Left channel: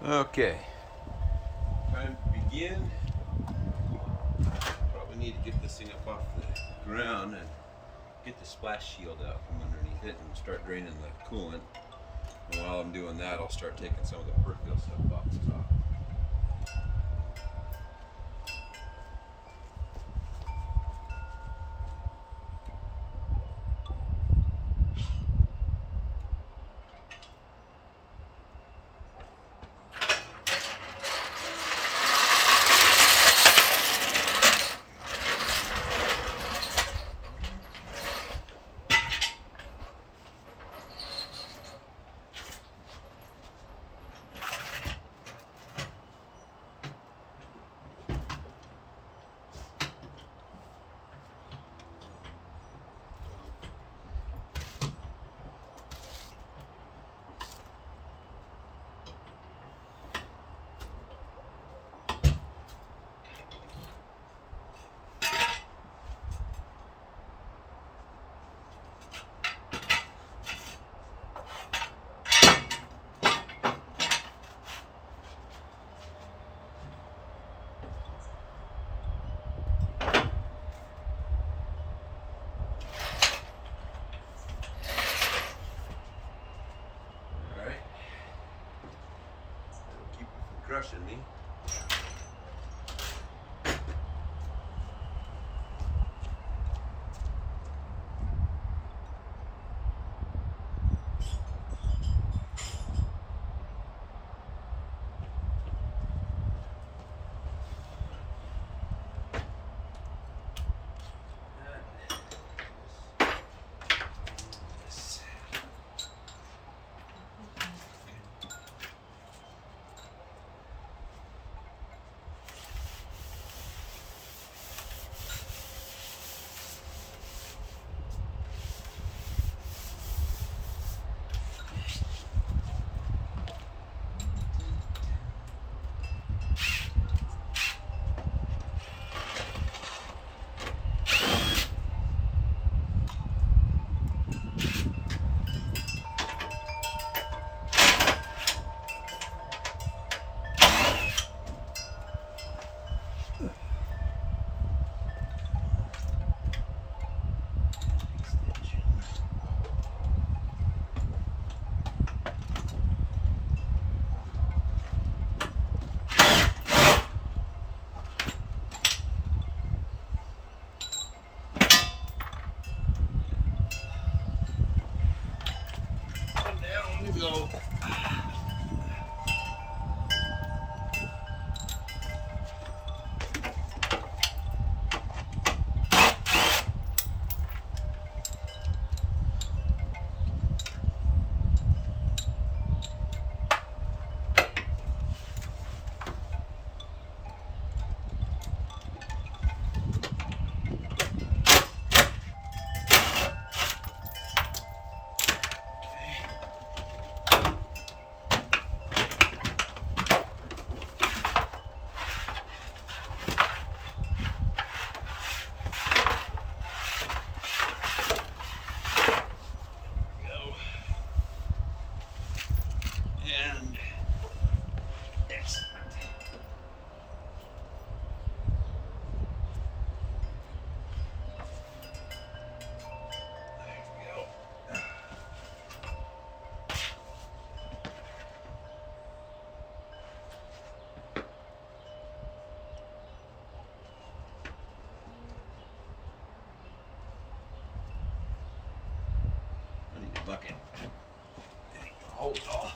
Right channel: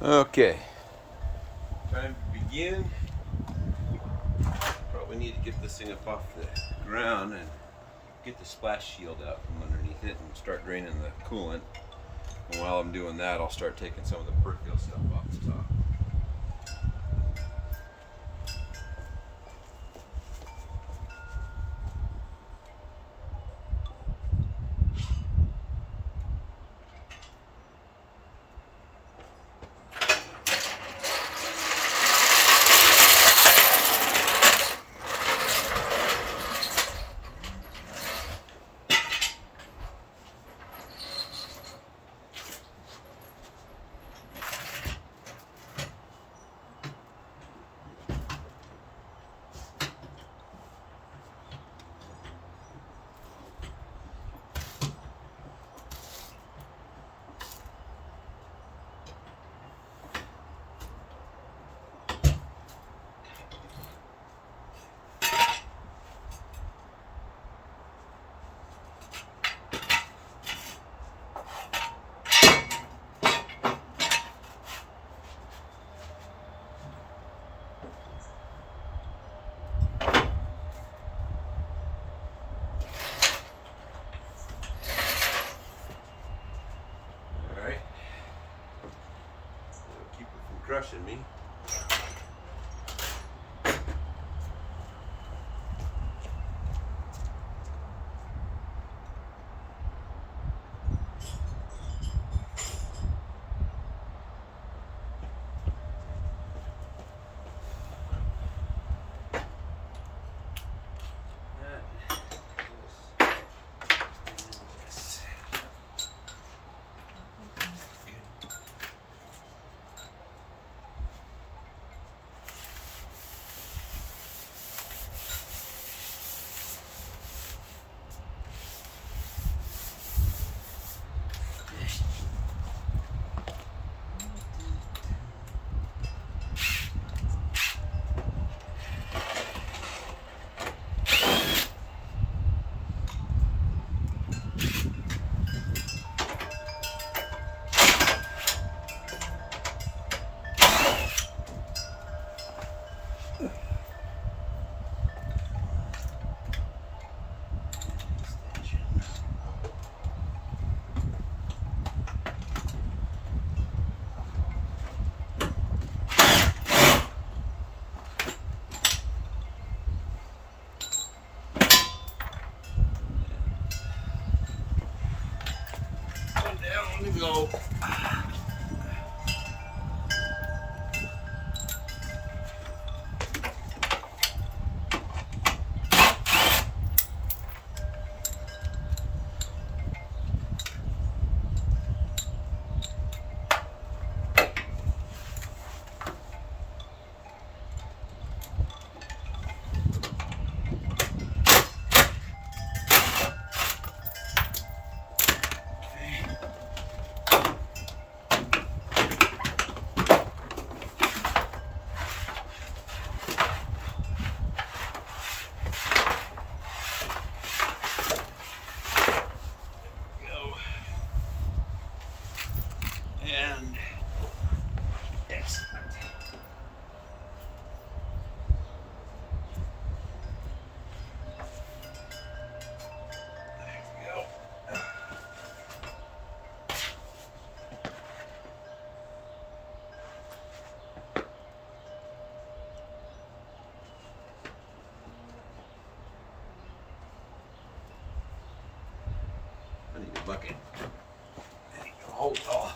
Okay, time to begin. Probably need to get this thing up off the ground and get the splash shield out from underneath it and start draining the coolant. And while I'm doing that, I'll start taking some of the perfuel stuff off the top. Alright. That'll keep it from crushing me. And down we go. Go. And excellent. There we go. I need a bucket. There you go. Hold it all.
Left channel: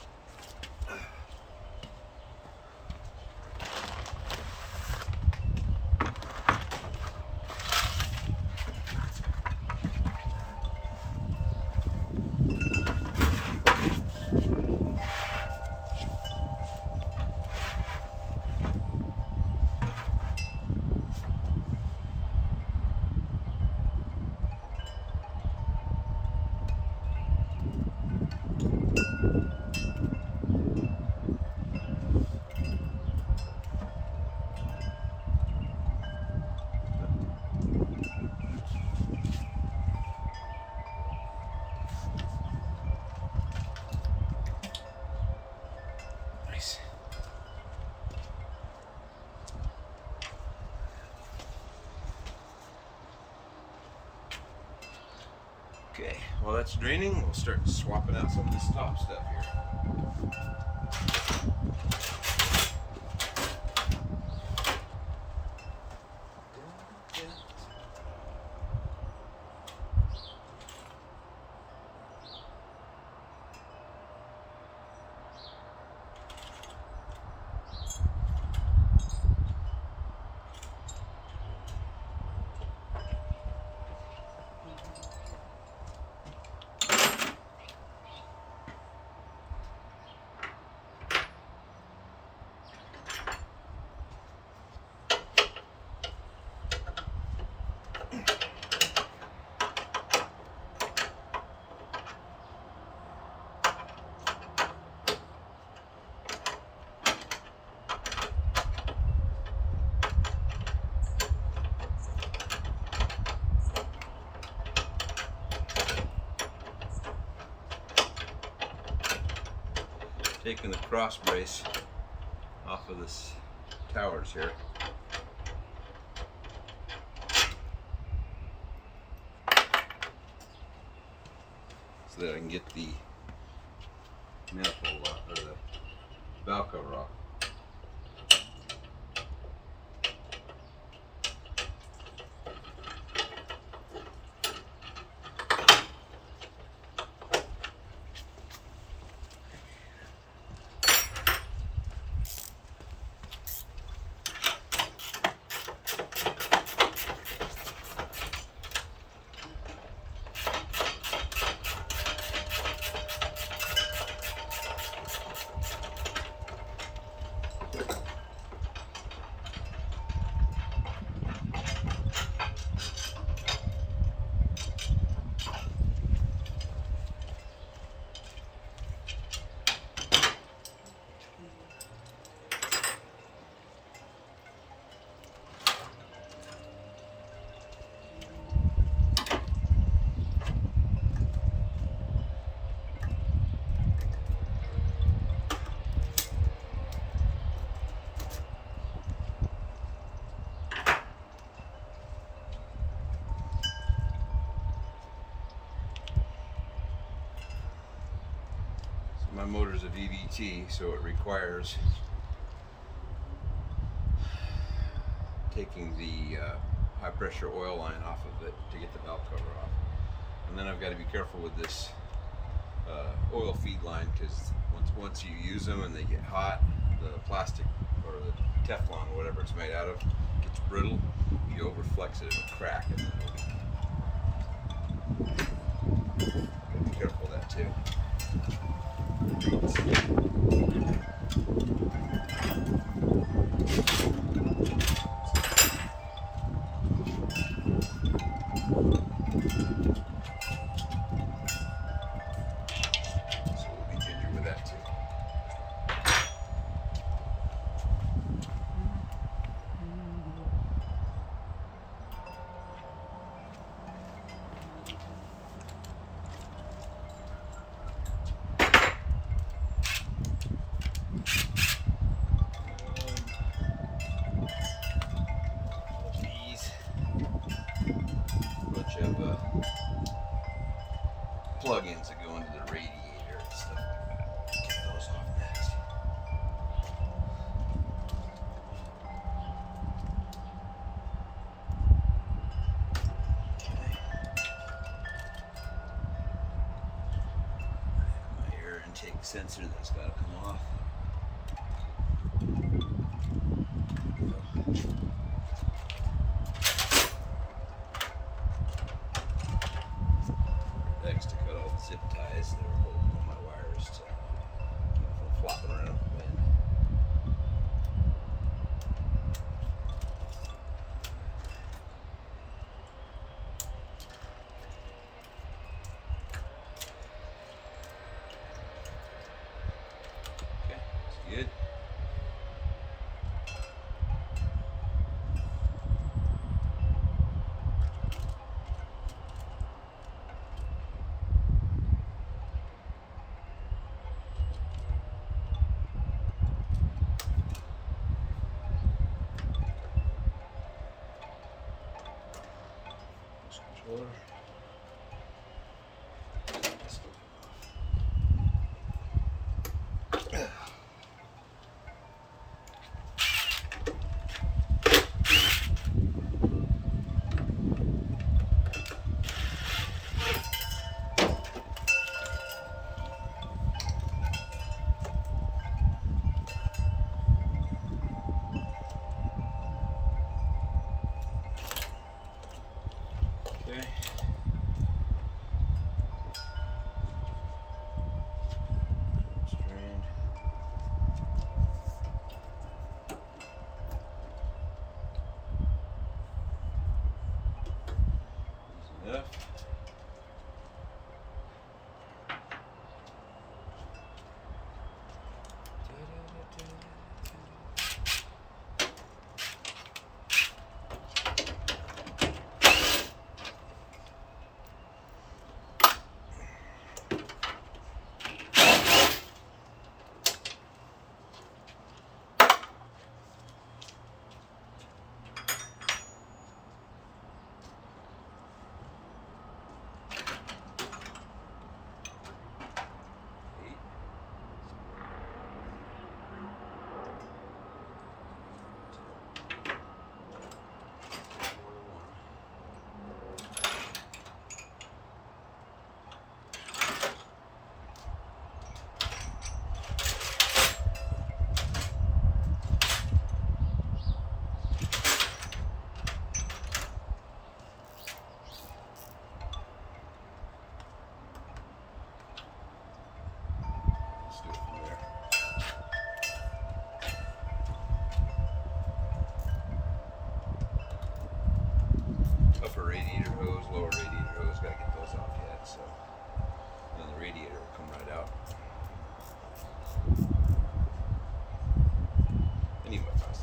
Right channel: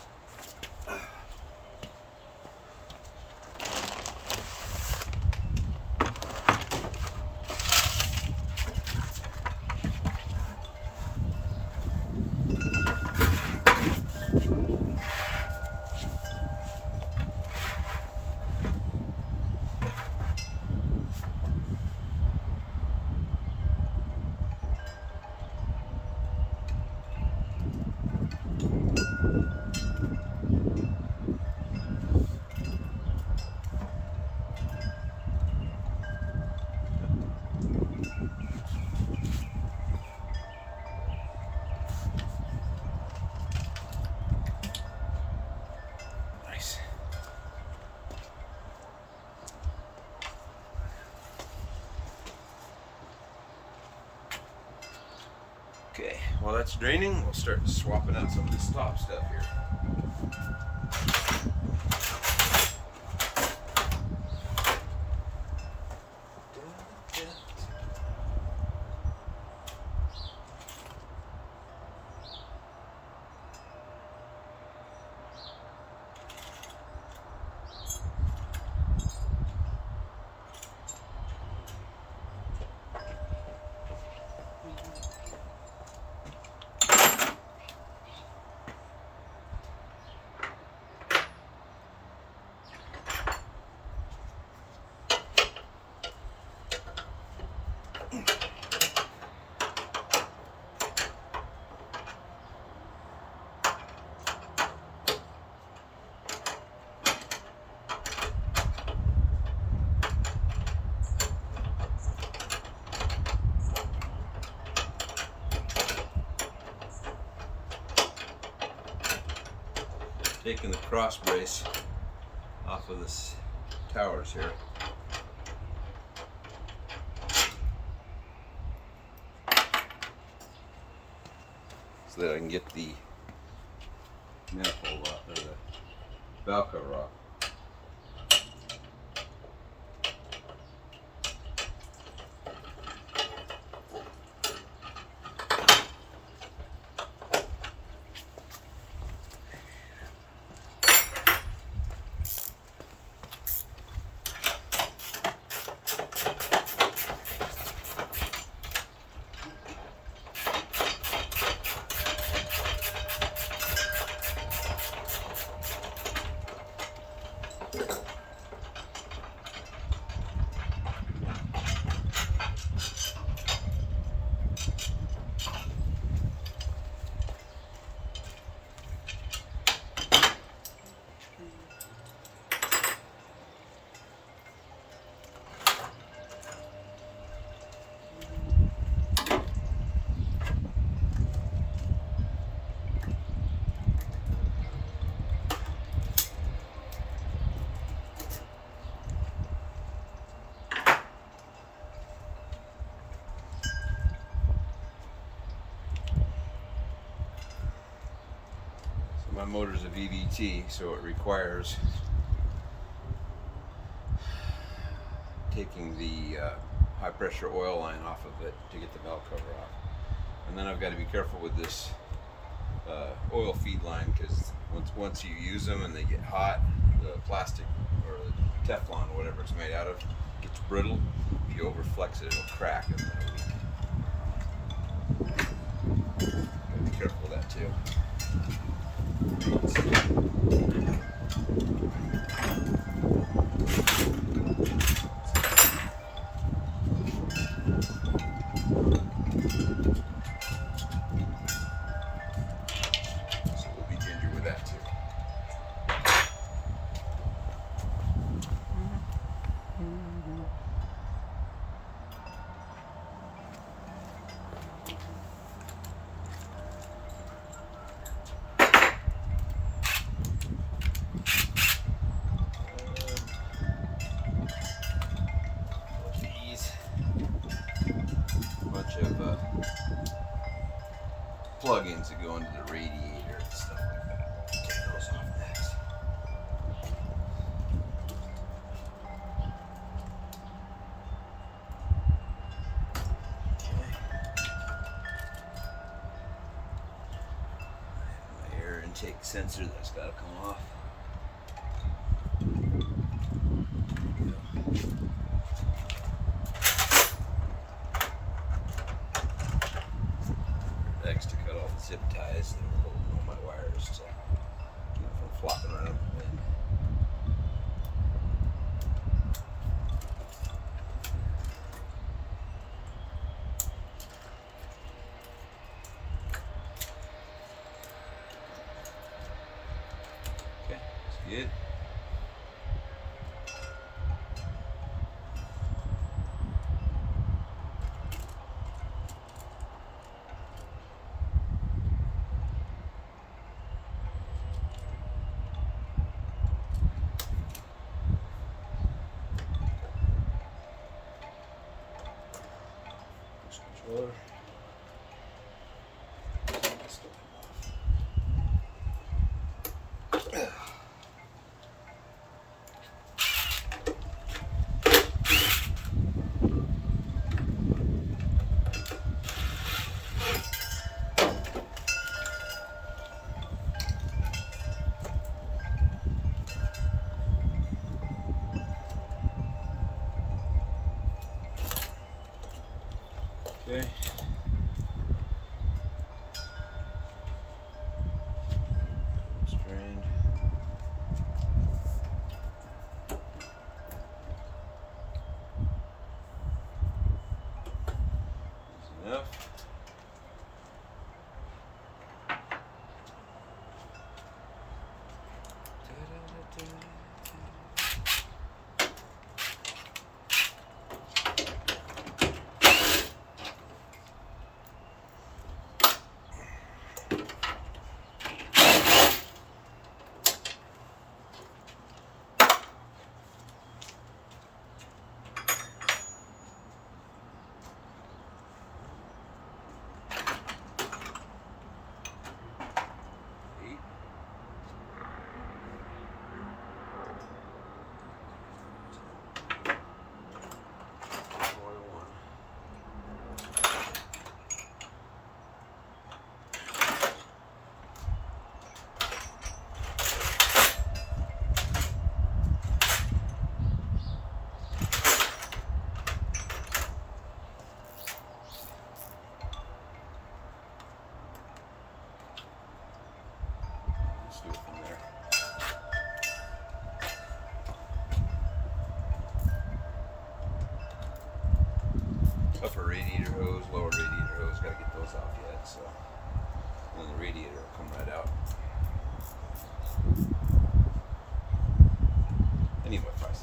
Okay, while that's draining, we'll start swapping out some of this top stuff here. Taking the cross brace off of this towers here. So that I can get the manifold off, or the valve cover off. My motor's a VVT, so it requires taking the high pressure oil line off of it to get the valve cover off. And then I've got to be careful with this oil feed line, because once you use them and they get hot, the plastic or the Teflon or whatever it's made out of gets brittle. If you overflex it, it'll crack and then it'll leak. You gotta be careful of that too. So we'll be ginger with that too. Bunch of plug-ins that go into the radiator and stuff like that. Get those off next. Okay. I have my air intake sensor that's got to come off. To cut all the zip ties that are holding all my wires to keep them from flopping around the wind. Okay, that's good. Controller. Okay. Strained. Easy enough. Let's do it from there. Upper radiator hose, lower radiator hose, gotta get those off yet, so. And then the radiator will come right out. Anyway, 5/16.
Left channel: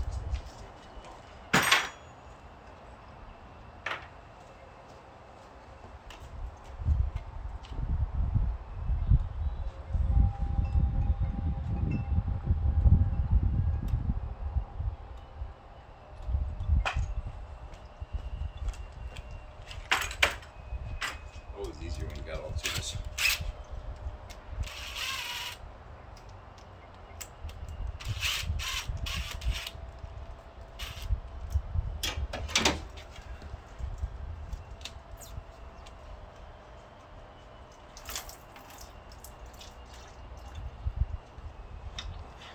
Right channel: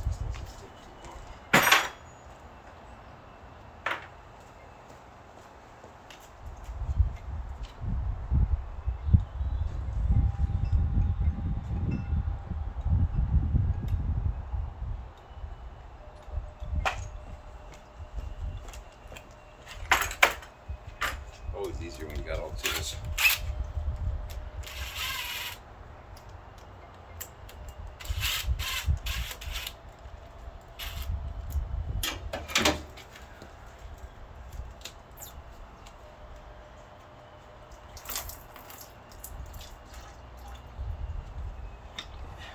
Always easier when you got all the tools.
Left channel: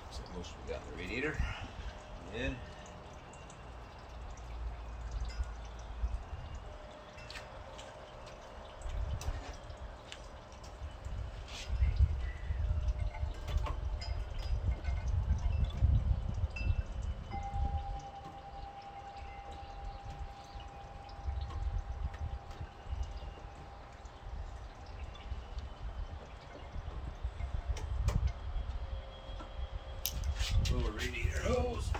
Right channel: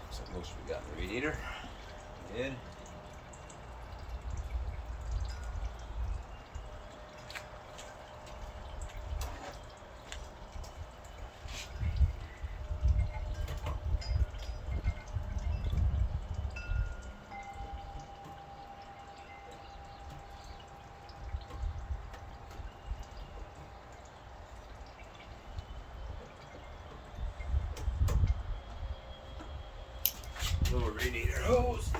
Looks like most we got in the radiator. Good. Lower radiator hose.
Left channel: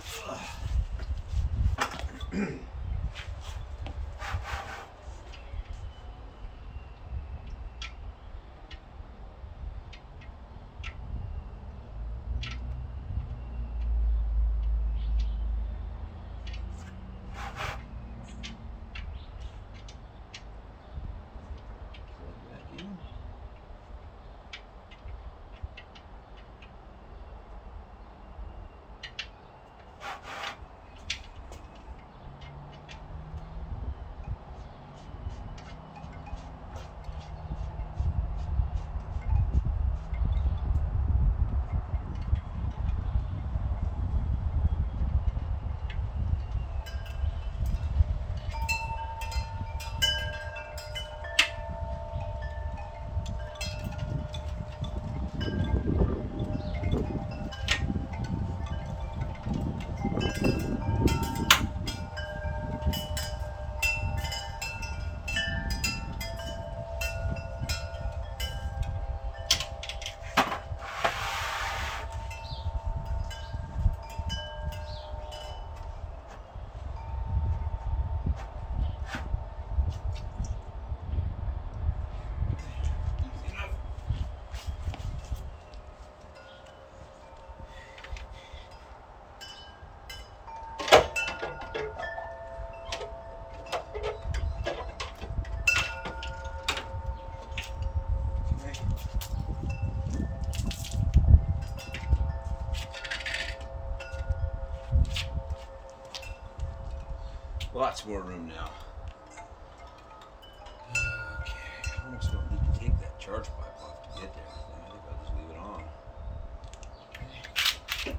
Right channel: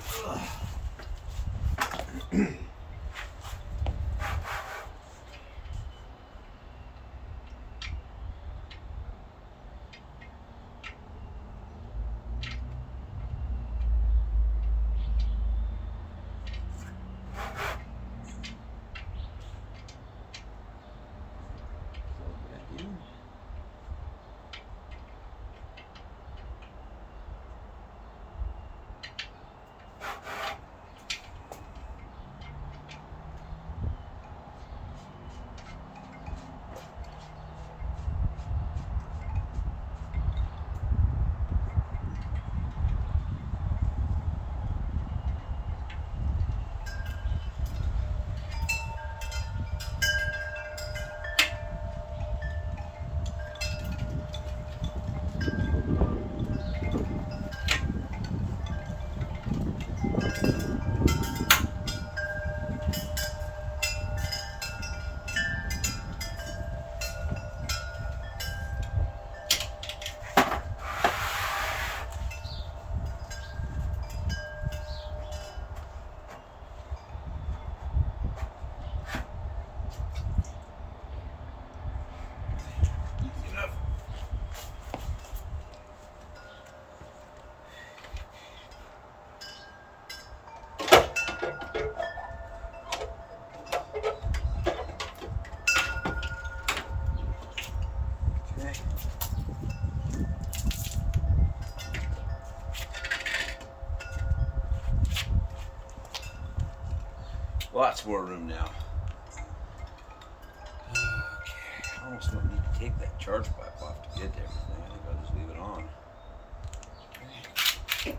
Lots more room now. Okay, I almost don't need to take that charge pipe off to get to everything. I think I'll just leave it on. Okay.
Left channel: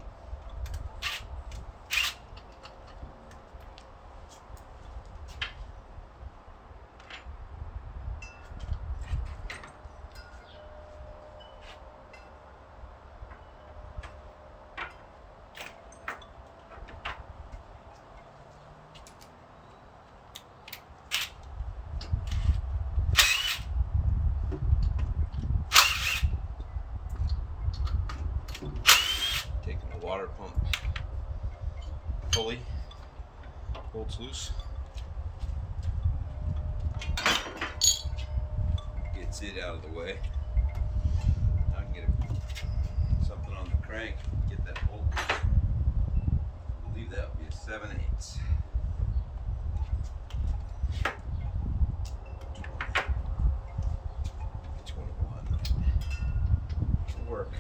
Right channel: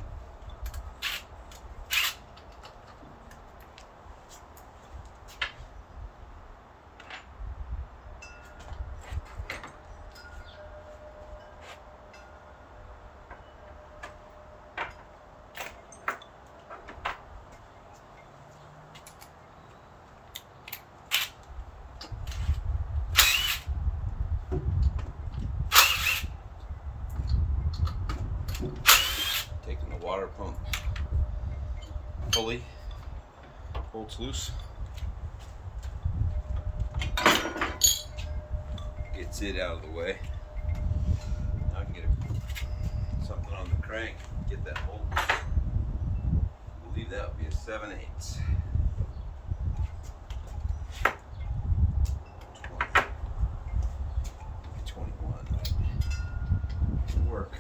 water pump pulley holds loose. Gets it out of the way. Now I can get something on the crank, get that bolt. I believe that would be a 7/8. 21, right? It'll work.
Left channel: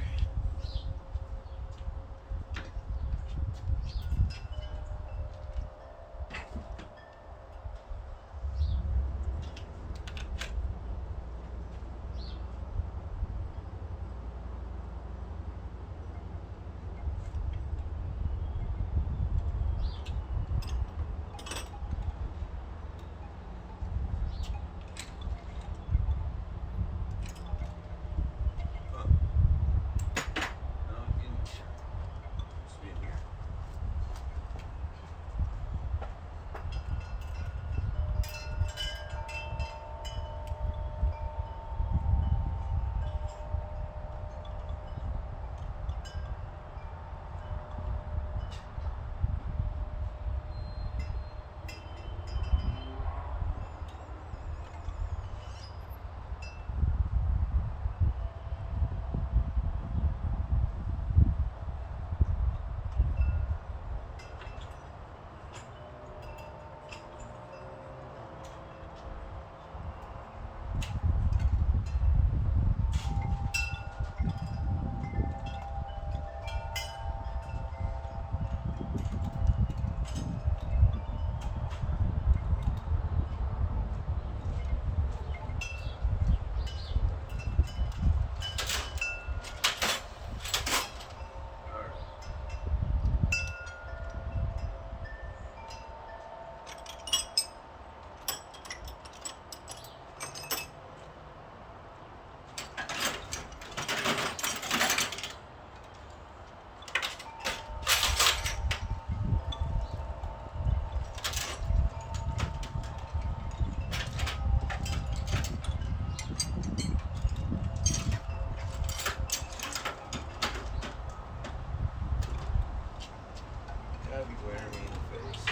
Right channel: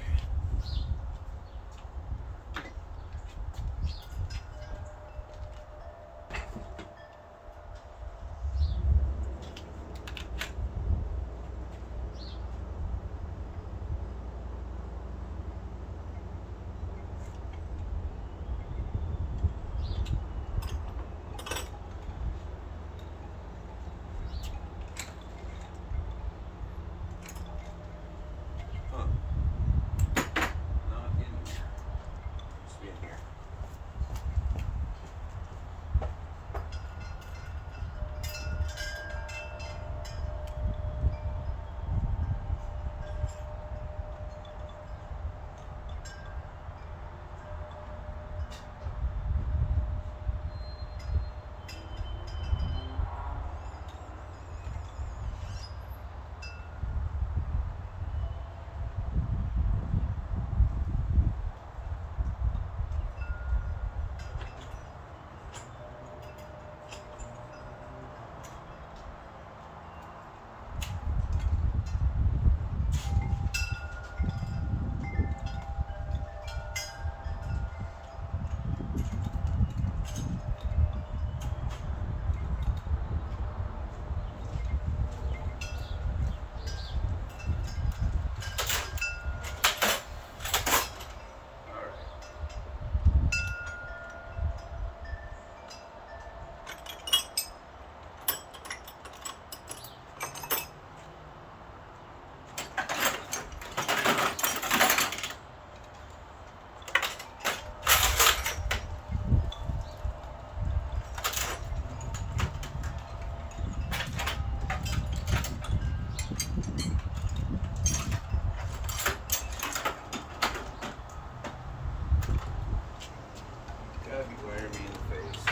Gotta be glaring me in the face.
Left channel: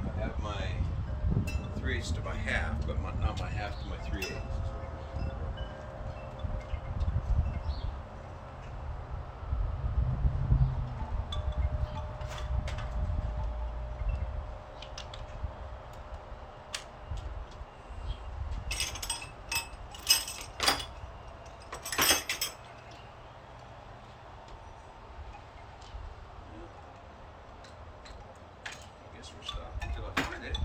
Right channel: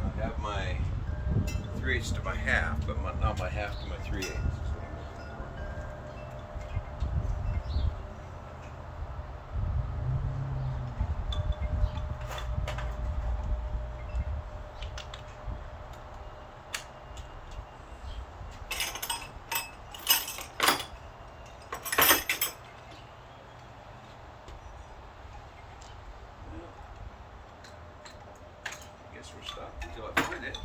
I have my 3/8 to my half, but not my half to my 3/8 is what I'm looking for. I guess we're stopped until I find it.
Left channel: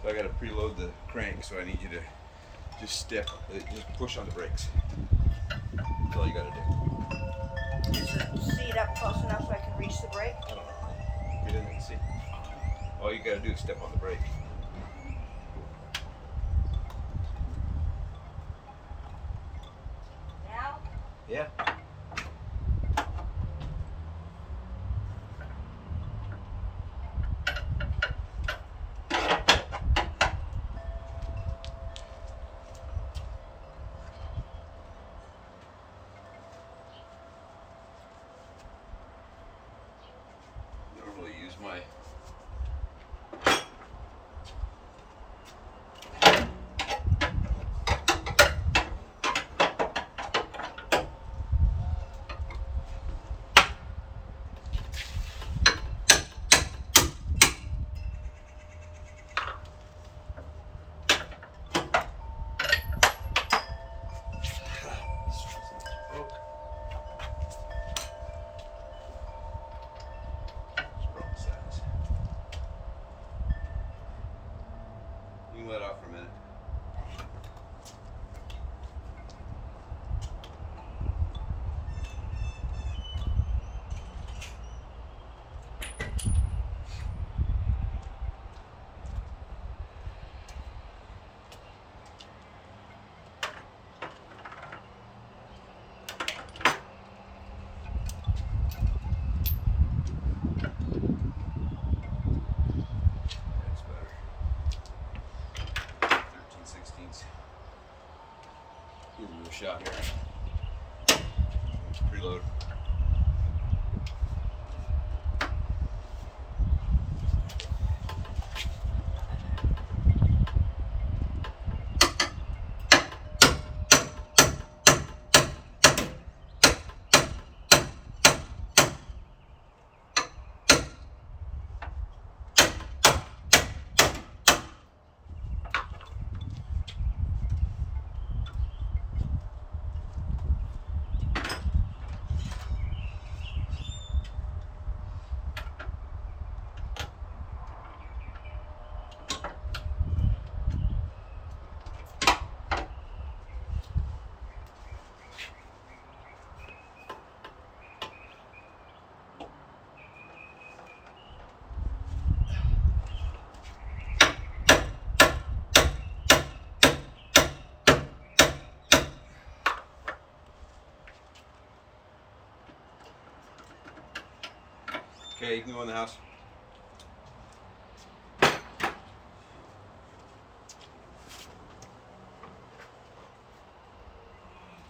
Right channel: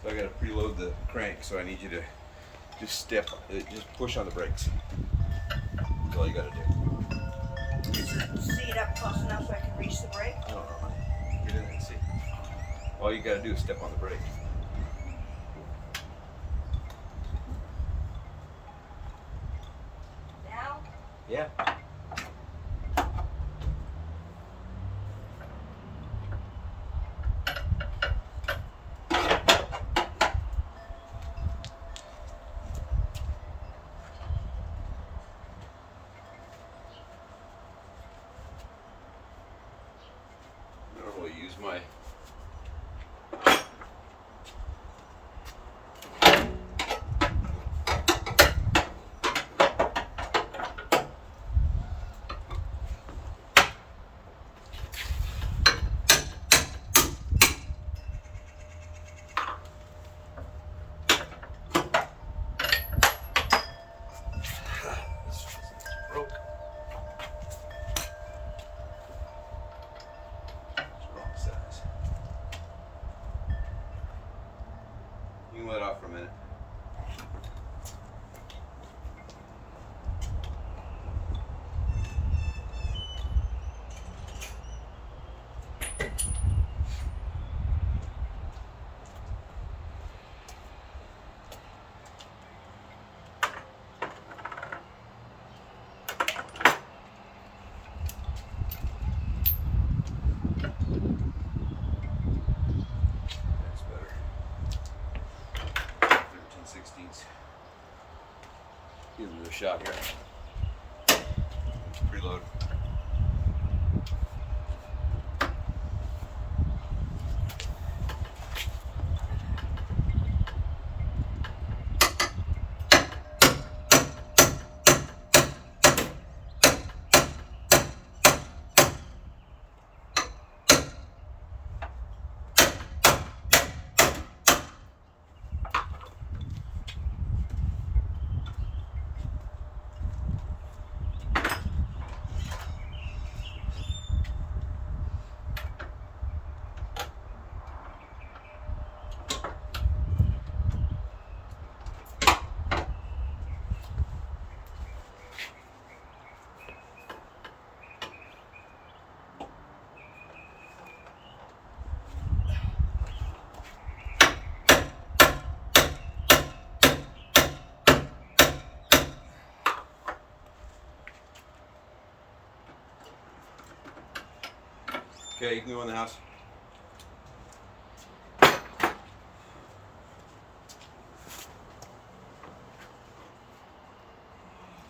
So I gotta preload the crank, so I need you to just just push on the brakes. That's all you gotta do. Is the seat up close enough so I can reach the brake? I don't know, honey. Get in there and see. All you gotta do is step on the brake. Now? Yeah. Normally use my broke. It's the wrong size. You can let off for a minute. That's better. 13/16. Give it a shot here. Preload. Okay, you can go in the house.